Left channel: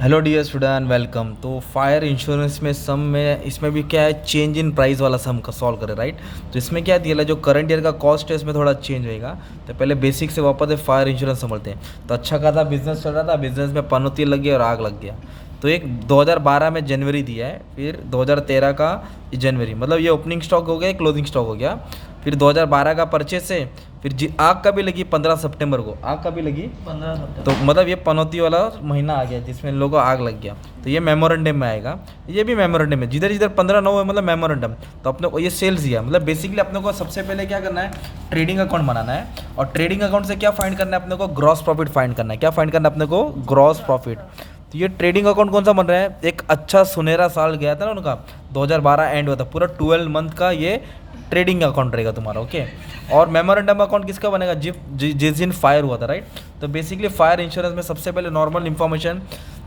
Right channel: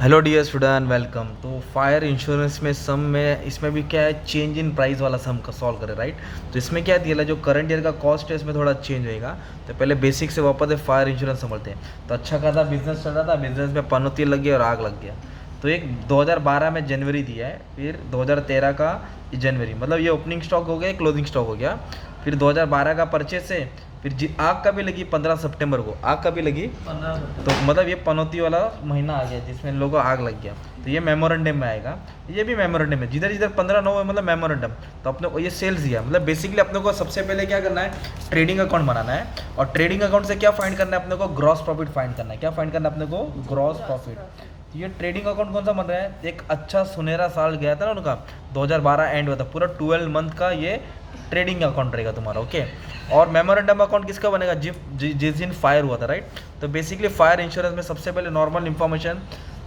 Hello dear student, welcome. तो fire insurance में सम में इसमें भी क्या है, चेंज इन प्राइस वाला सम का सॉल्व करें, राइट। तो इसमें क्या दिया है, जो करंट ईयर का कॉस्ट है इसमें थोड़ा चेंज होएगा। तो पहले बेसिक से वापस फायर इंश्योरेंस समझते हैं। तो अच्छा खासा बिजनेस चल रहा था, बिजनेस में पनौती लग गई और आग लग गया। तो एक 2012 में जनवरी दिया है, फिर 2013 का जनवरी, मतलब ये ओपनिंग स्टॉक हो गया, क्लोजिंग स्टॉक हो गया। फिर 2012 का परचेस है, फिर आग का भी लगी 15 सितंबर को, आग का भी लगी 15। तो मतलब ये पनौती वाला महीना आ गया जिसमें लोगों को आग लग गया। तो ये मेमोरेंडम में आएगा, ये भी मेमोरेंडम है, जिधर जिधर 15/9 है मतलब मेमोरेंडम। तो अपने को ये सेल्स दिया, मतलब बेसिकली अपने को सबसे पहले क्या करना है, ट्रेडिंग अकाउंट बनाना है। और ट्रेडिंग अकाउंट से क्या फाइंड करना है अपने को, ग्रॉस प्रॉफिट फाइंड करना है। क्या फाइंड करना है अपने को, ग्रॉस प्रॉफिट। तो ये ट्रेडिंग अकाउंट कौन सा बन रहा है, एक अच्छा सुनहरा साल गया था ना उनका, 2012 एंड हुआ था, पूरा 12 मंथ का ये ट्रेडिंग अकाउंट रहेगा तुम्हारा, ओके। और मेमोरेंडम अकाउंट किसका बनेगा, जिस दिन फायर हुआ था, राइट। तो बेसिकली फायर इंश्योरेंस में सबसे पहले नॉर्मल इन्फॉर्मेशन,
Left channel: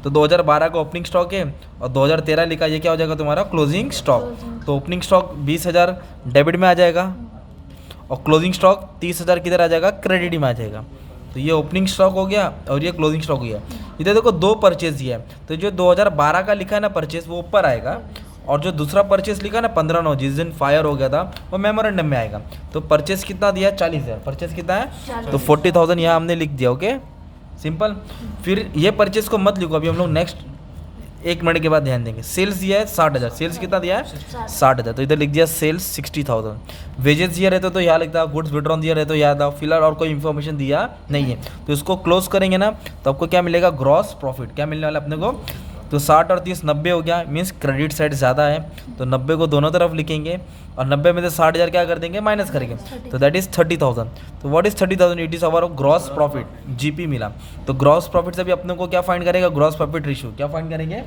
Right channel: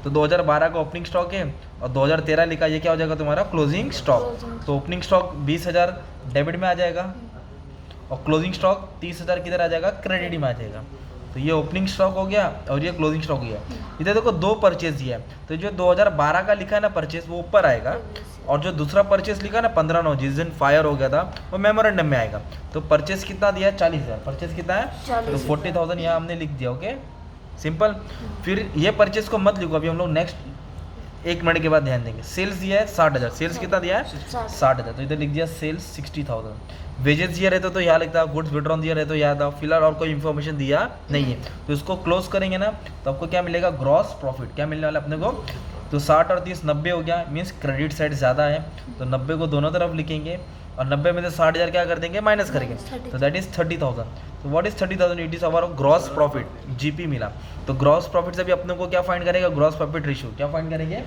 तो 2012 का ओपनिंग स्टॉक है और 2013 लिखा, ये क्या हो जाएगा तुम्हारा क्लोजिंग स्टॉक। तो ओपनिंग स्टॉक 20,000 डेबिट में आ जाएगा और क्लोजिंग स्टॉक 30,000 किधर आ जाएगा, क्रेडिट में आ जाएगा। तो ये ओपनिंग स्टॉक हो गया और ये क्लोजिंग स्टॉक हो गया। इधर देखो दो परचेज दिया है, तो जो 2012 का लिखा है ना परचेज, वो ऊपर आएगा। और जो दूसरा परचेस लिखा ना 15/9 जिस दिन फायर हो गया था, वो मेमोरेंडम में आएगा। तो परचेस कितना दिया है, 40,000। परचेस कितना है, तो 40,000 यहाँ हमने लिख दिया, ओके, सिंपल। फिर ये परचेस को मत लिखो, अभी हम लोग नेक्स्ट 1 मिनट के बाद ध्यान देंगे। सेल्स दिया है 60,000, सेल्स कितना दिया है 60,000, तो इधर लिख दिया सेल्स 60,000। वेजेस दिया रहता तो यहाँ लिखता, गुड्स विड्रॉन दिया रहता तो यहाँ था। फिलहाल और कोई इन्फॉर्मेशन दिया नहीं है, तो इसको क्लोज करेंगे ना, तो आपको क्या मिलेगा, ग्रॉस प्रॉफिट। क्या मिलने वाला अपने को, तो 60 और 30 90 हो गया, मीन्स क्रेडिट साइड ज़्यादा है, तो 90 को दोनों तरफ लिखेंगे और 90 में से 60,000 क्या कर देंगे, माइनस करेंगे, तो दैट इज़ 30,000। तो what is 30,000, it is our gross profit, GP मिला। तो ग्रॉस प्रॉफिट से भी अपने को क्या फाइंड करेगा, ग्रॉस प्रॉफिट रेशियो। क्या फाइंड करेंगे,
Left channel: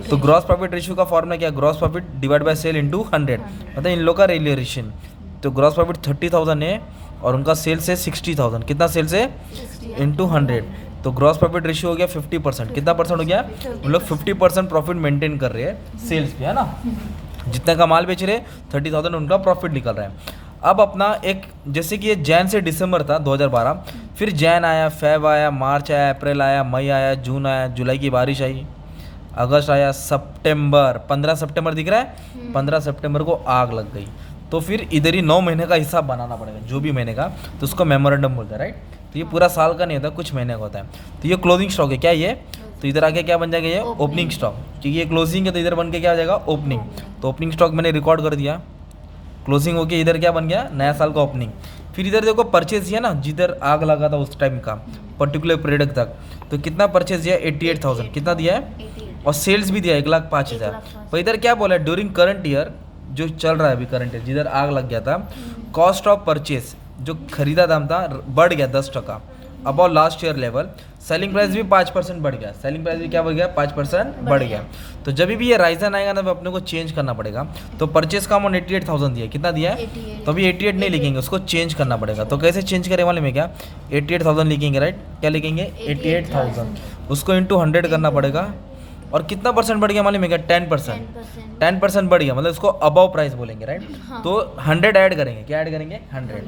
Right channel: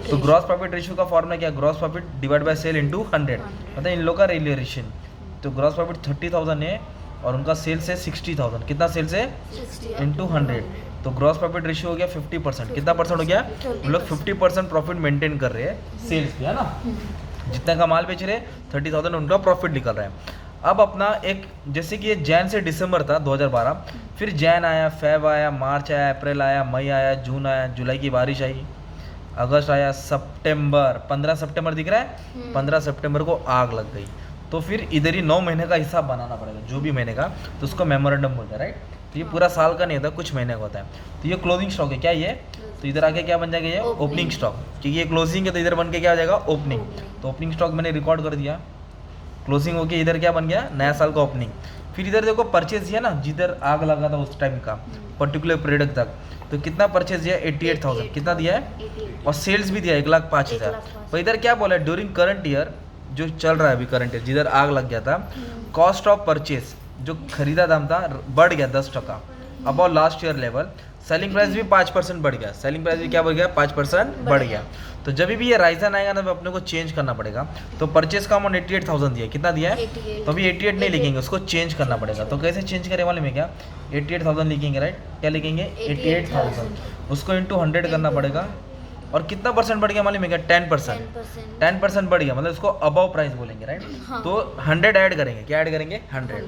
तो ग्रॉस प्रॉफिट रेशियो का फॉर्मूला क्या, gross profit divide by sale into 100, मतलब इन लोग का रिलेशन। तो ग्रॉस प्रॉफिट 30,000 है और उनका सेल्स है 60,000, कितना सेल्स है, इंटू 100। तो ग्रॉस प्रॉफिट रेशियो हो गया 50%। कितना परसेंट हो गया, हम लोग 50% प्रॉफिट मेंटेन कर रहे हैं सेल्स पे, है ना। जितना का माल बेच रहे 30,000 उनका प्रॉफिट निकल रहा है। अब अपना एक, जैसे कि ये जैन से दिसंबर था 2012, फिर जैन आया, फेब आया, मार्च आया, अप्रैल आया, मई आया, जून आया, जुलाई की बारिश आई, अगस्त आया, सितंबर, 15 सितंबर दिख रहा है, 15 सितंबर को आग लग गई। तो फिर इधर ही 9 महीने का हिसाब बनाना पड़ेगा, जो भी महीने का, तो उसको मेमोरेंडम बोलता है, राइट। तो ये पूरा साल का नहीं होता, कुछ महीने का होता है। तो ये क्लोजिंग स्टॉक है, क्या ये, तो इधर आके क्या बन जाएगा, ये ओपनिंग स्टॉक, क्योंकि ये क्लोजिंग है तो इधर बन के क्या हो जाएगा, ओपनिंग। तो ओपनिंग स्टॉक मैंने रिकॉर्ड कर दिया, क्लोजिंग हो गया, इधर क्या बन गया, नया साल का ओपनिंग। फिर इधर देखो परचेज दिया ना, जिधर आग लगा था उस टाइम का पर्टिकुलर पीरियड तक, तो कितना परचेज दिया, 88,000, कितना दिया है, और सेल्स भी दिया 1,05,000। तो इधर क्या बोला, ड्यूरिंग करंट ईयर, जो चल रहा है अभी करंट ईयर, जिधर आग लग गया था, कॉस्ट ऑफ परचेज, जो खरीदा दाम था, बढ़ गया 10% above last year level. Selling price भी 5% बढ़ गया, सेलिंग प्राइस भी क्या बढ़ गया, 5% बढ़ गया। तो जब भी ये राइजन आएगा ना, तो अपने को चेंज करना पड़ेगा। तो परचेज का अमाउंट 88,000 दिया, कितना दिया है, तो अभी 88 नहीं लिखेंगे, उसको चेंज करना पड़ेगा। तो कैसे चेंज करें वाले में, क्या 88,000 लिखेंगे, राइट। क्या लिखेंगे, 88,000, उसको इंटू 100 करना पड़ेगा। और कितना परसेंट बढ़ गया मालूम है क्या, 10%। 10% बढ़ गया, मतलब इसको अबव प्राइस बोलेंगे, राइट। तो 100 ऐड करेंगे, क्या ऐड करेंगे, 100।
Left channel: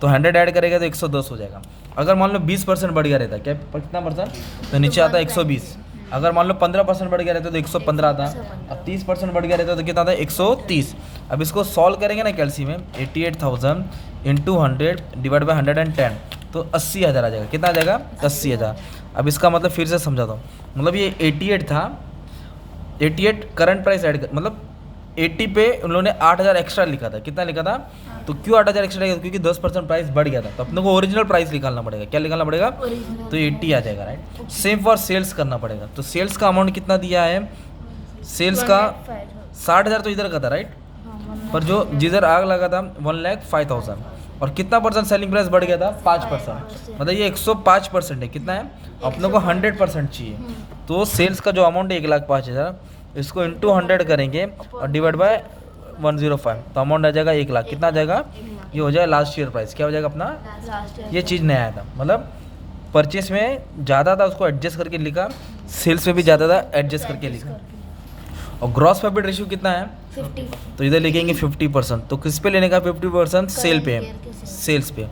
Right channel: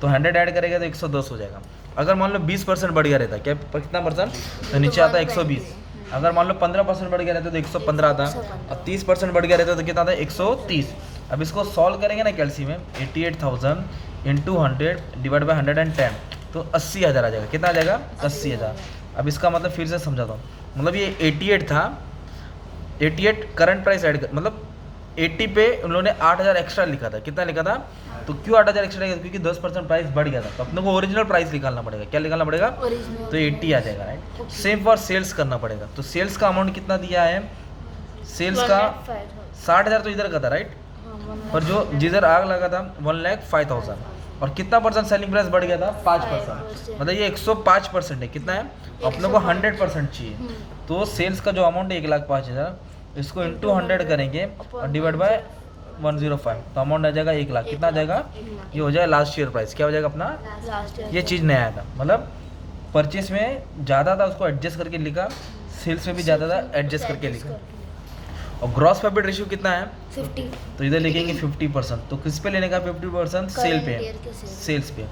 तो 100 ऐड करेगा तो 110 हो जाएगा। अगर मान लो 20% बढ़ गया रहता, क्या कितना परसेंट, तो नीचे आता है 120। अगर मान लो 15% बढ़ गया रहता तो 115 आता, और 30% बढ़ गया रहता तो कितना आता है, 130। अब इसको सॉल्व करेंगे ना कैलसी में, 88,000 इंटू 100 डिवाइड बाई 110, तो 80,000 आ जाएगा। कितना आ जाएगा, 80,000। अब इसका मतलब फिर से समझाता हूँ, मतलब ये 88 था, 88 करंट प्राइस ऐड कर, मतलब 80 पे उन लोगों ने 8,000 एक्स्ट्रा लिखा था। कितना लिखा था, तो क्यों 8,000 एक्स्ट्रा लिखा था, क्योंकि 10% प्राइस बढ़ गया था। तो अपने को ओरिजिनल प्राइस निकालना पड़ेगा, क्या निकालना पड़ेगा, तो 80 आ जाएगा, राइट। सेम फॉर सेल्स करना पड़ेगा। तो सेल्स का अमाउंट कितना दिया है, सेल्स का 60,000 तो इधर का था, राइट, पर जो जिधर आग लगा था 1,05,000, और कितना परसेंट सेलिंग प्राइस बढ़ गया था, 5%, मतलब ये 105% है। कितना है, अपने को 100% चाहिए। तो सेल्स का जो अमाउंट है 1,05,000, इसको इंटू 100 करेंगे और डिवाइड बाय 105, तो अमाउंट आ जाएगा 1,00,000। कितना आ जाएगा, ये हो जाएगा लास्ट ईयर प्राइस। क्या हो जाएगा अपना, ये चीज़ नया था, मतलब परचेस में ज़्यादा था उसको एडजस्ट करके लिखा, सेल्स में भी ज़्यादा था एडजस्ट करके लिखा। और ग्रॉस प्रॉफिट रेशियो कितना है, 50। तो इधर लिखेंगे 50%। तो किस पे लेने का 50%, सेल पे, सेल्स पे।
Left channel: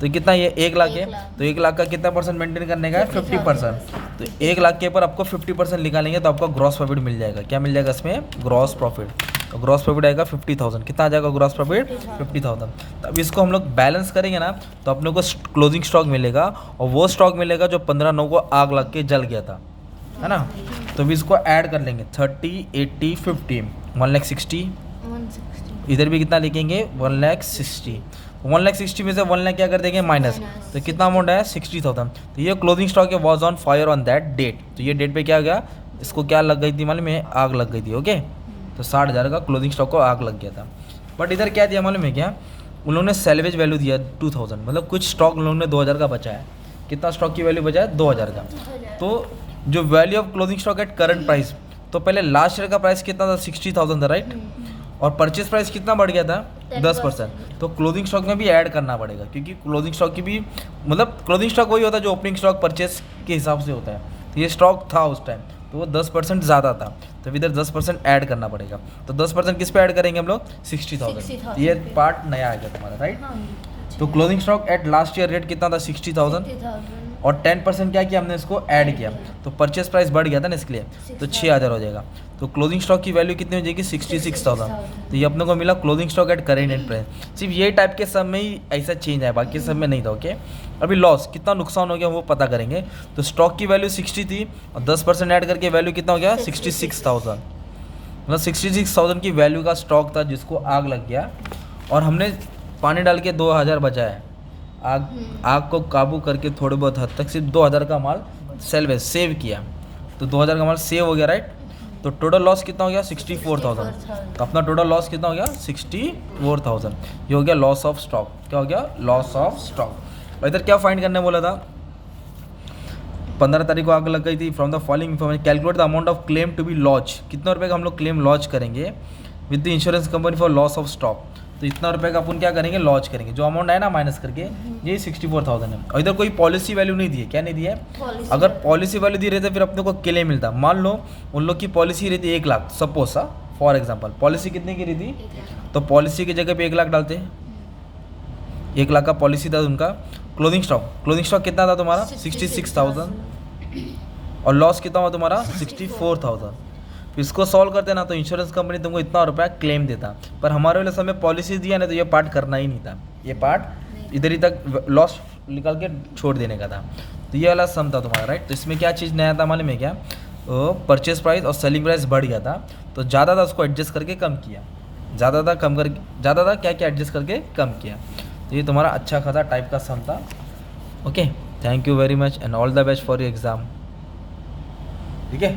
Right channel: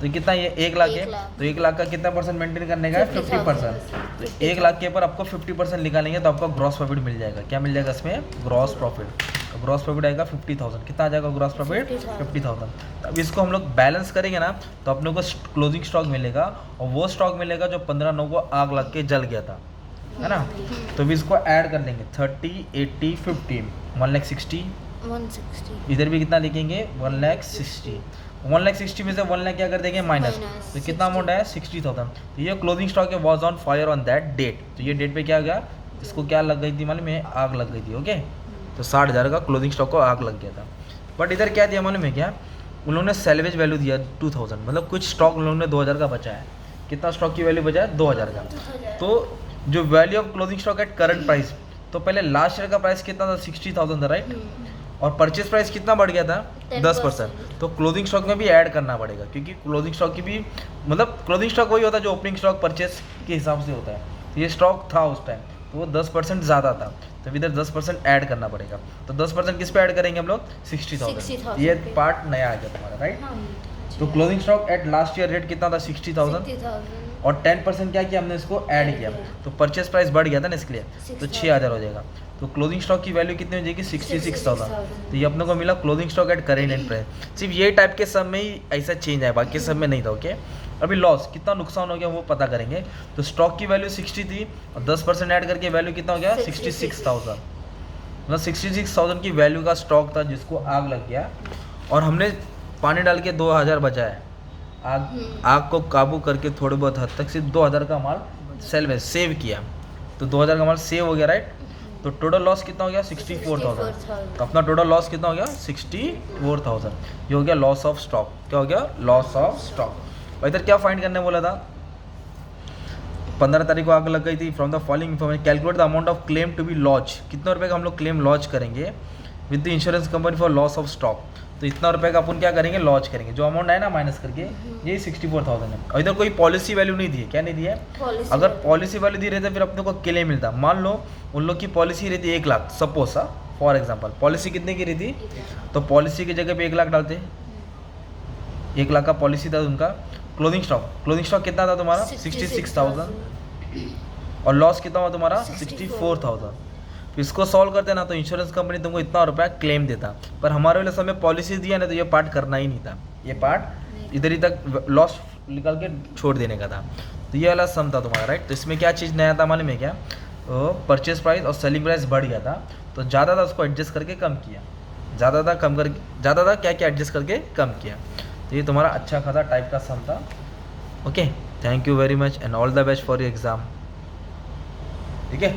तो ये कितना, ये 1 लाख है, 1 लाख। तो 1 लाख का कितना परसेंट मेंटेन करने का है, 50%। तो 1 लाख के ऊपर आपको 50% निकालेंगे तो आपका ग्रॉस प्रॉफिट मिल जाएगा। क्या मिल जाएगा इसमें, ग्रॉस प्रॉफिट। तो ग्रॉस प्रॉफिट आएगा 50,000। कितना आ जाएगा ग्रॉस प्रॉफिट, 50,000। तो अब इसको हम लोग बैलेंस करेंगे ना, तो अपने को क्लोजिंग स्टॉक मिलेगा, और वो स्टॉक मिलेगा जो 15/9 को आग लग के जल गया था, है ना। तो अभी इसको ऐड कर लेंगे, 30, 80, 50, 1,60,000। 160। इधर भी कितना लिखेंगे, 1,60,000। 1,60,000 में से 1 लाख क्या कर देंगे, माइनस। तो कितना अमाउंट है, 60,000। तो ये क्लोजिंग स्टॉक है, was on fire on that date. तो ये डेट पे क्या गया, इसको क्या लग गई थी मालूम है, आग लग गई थी। ओके, तो 60,000 का क्लोजिंग स्टॉक को आग लग गया था। बट इधर क्या दिया मालूम है क्या, उन लोगों ने सैल्वेज वैल्यू दिया 2000, मतलब कुछ स्टॉक उन लोगों ने 2000 का बचा है। कितना स्टॉक की वैल्यू बचा है, 2000 का। तो जो value of closing stock at current price, तो पहले लास्ट ईयर का प्राइस कितना था, 60,000 था, राइट। और परचेज प्राइस कितना बढ़ गया था, 10%। तो क्लोजिंग स्टॉक में भी ऐड करना पड़ेगा, क्योंकि क्लोजिंग स्टॉक की भी मतलब क्लोजिंग स्टॉक वही होता है जो ओपनिंग स्टॉक परचेज के हिसाब से होता है। तो ये स्टॉक था उस टाइम, तो वो 10% ज़्यादा था, तो इधर 10% ऐड करना पड़ेगा। तो 10% किस पे ऐड करेंगे हम लोग, 60,000। ये पार्ट नया आ गया तुम्हारा, राइट। तो closing stock at last year rate कितना था, 60,000, और 10% क्या किया हमने, इसको ऐड किया। तो परचेस प्राइस बढ़ गया था ना, इसलिए तो 6,000 हो जाएगा। तो क्लोजिंग स्टॉक की वैल्यू कितनी हो जाएगी, 66,000। तो ये अपने को मिला closing stock at current and price. सिर्फ ये टाइप के सब में ही ऐसा चेंज है, बाकी सब में नहीं था। ओके, अभी लॉस कितना नुकसान हो गया वो पता करेंगे। तो स्टॉक की वैल्यू 60 थी, और 10% ऐड करके वैल्यू कितना हो गया, 66,000। मतलब 66,000 की वैल्यू का स्टॉक था जिसको आग लग गया, और हमने पानी डाल के 2,000 बचाए। आग को काबू करके थोड़े बहुत हद तक सिर्फ 2,000 का माल सेव किया। तो 2,000 का माल सेव हो गया, राइट। तो टोटल लॉस कितना हो गया, 64,000। तो अपना टोटल लॉस कितना हो गया, 64,000। ये हो गया लॉस ऑफ स्टॉक। क्या हो गया, लॉस ऑफ स्टॉक। और इधर क्या फाइंड करने बोला था, 15 तारीख को आग लग गई थी। From the following information calculate the amount of claim to be launch. कितना रुपये का हम लोग क्लेम लॉन्च करेंगे with the insurance company for loss of stock. तो इतना रुपये का अपन क्या करेंगे, लॉन्च करेंगे। जो अमाउंट है ना माइनस करके, ये 64,000 है। और इधर कोई पॉलिसी वैल्यू नहीं दी है। क्या नहीं दी है, अगर पॉलिसी वैल्यू दी रहती फिर अपने को क्लेम मिलता। मान लो उन लोग की पॉलिसी रहती 1 लाख, सपोज सा फॉर एग्जाम्पल पॉलिसी कितने की रहती, तो पॉलिसी की जगह पे 1 लाख डालते, 1 लाख का पॉलिसी था उनका। क्लोजिंग स्टॉक कितना था तुम्हारा, 66,000, और लॉस कितना हुआ तुम्हारा, 64,000। तो इसको सॉल्व करते ना, तो इंश्योरेंस कंपनी तुमको इतना रुपया क्लेम देता। पर हमारे वाले समय पॉलिसी दिया ना, तो ये पार्ट करना ही नहीं था। ये पार्ट इधर ही तक लॉस निकाल के छोड़ देने का था। तो ये वाला सम था तुम्हारा, राइट। तो इसमें क्या चीज़ नया था मालूम है क्या, परचेज प्राइस और सेलिंग प्राइस बढ़ गया था, तो ज़्यादा था उसको एडजस्ट करके कम किया। ज़्यादा था क्या क्या एडजस्ट करके कम किया। तो ये तुम्हारा अच्छा खासा टाइप का सम था। Okay, thank you very much and all the best for your exam. ठीक है।